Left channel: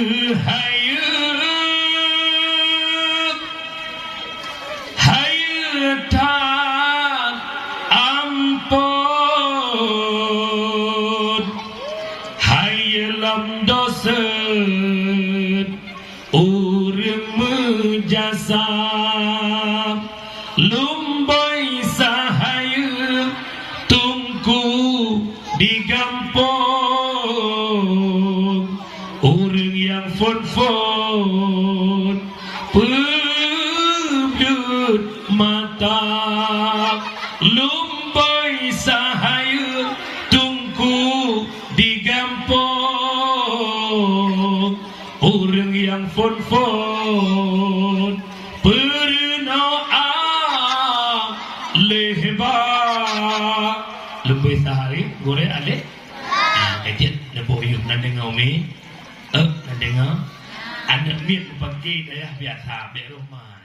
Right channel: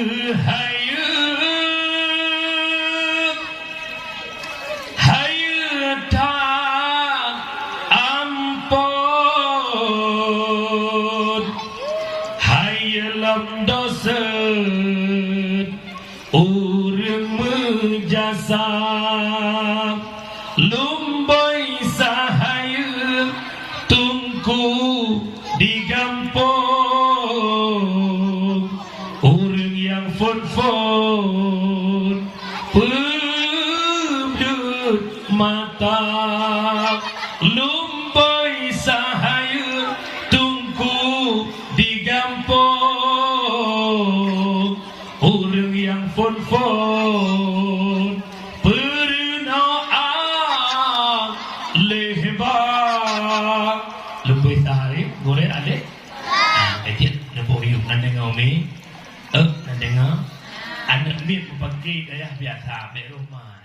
hayu hayu ta ampun hayu lam dosa urang mejasa lumboy sahayu tungku digampung orang yang fon-fon pebdut mata lumboy sahayu tungku digampung orang yang fon-fon bernoa lebar lumboy sahayu boleh ada Adik nampak yuk nak dengar mi nak dengar anak mi pakai daya biasa di rumah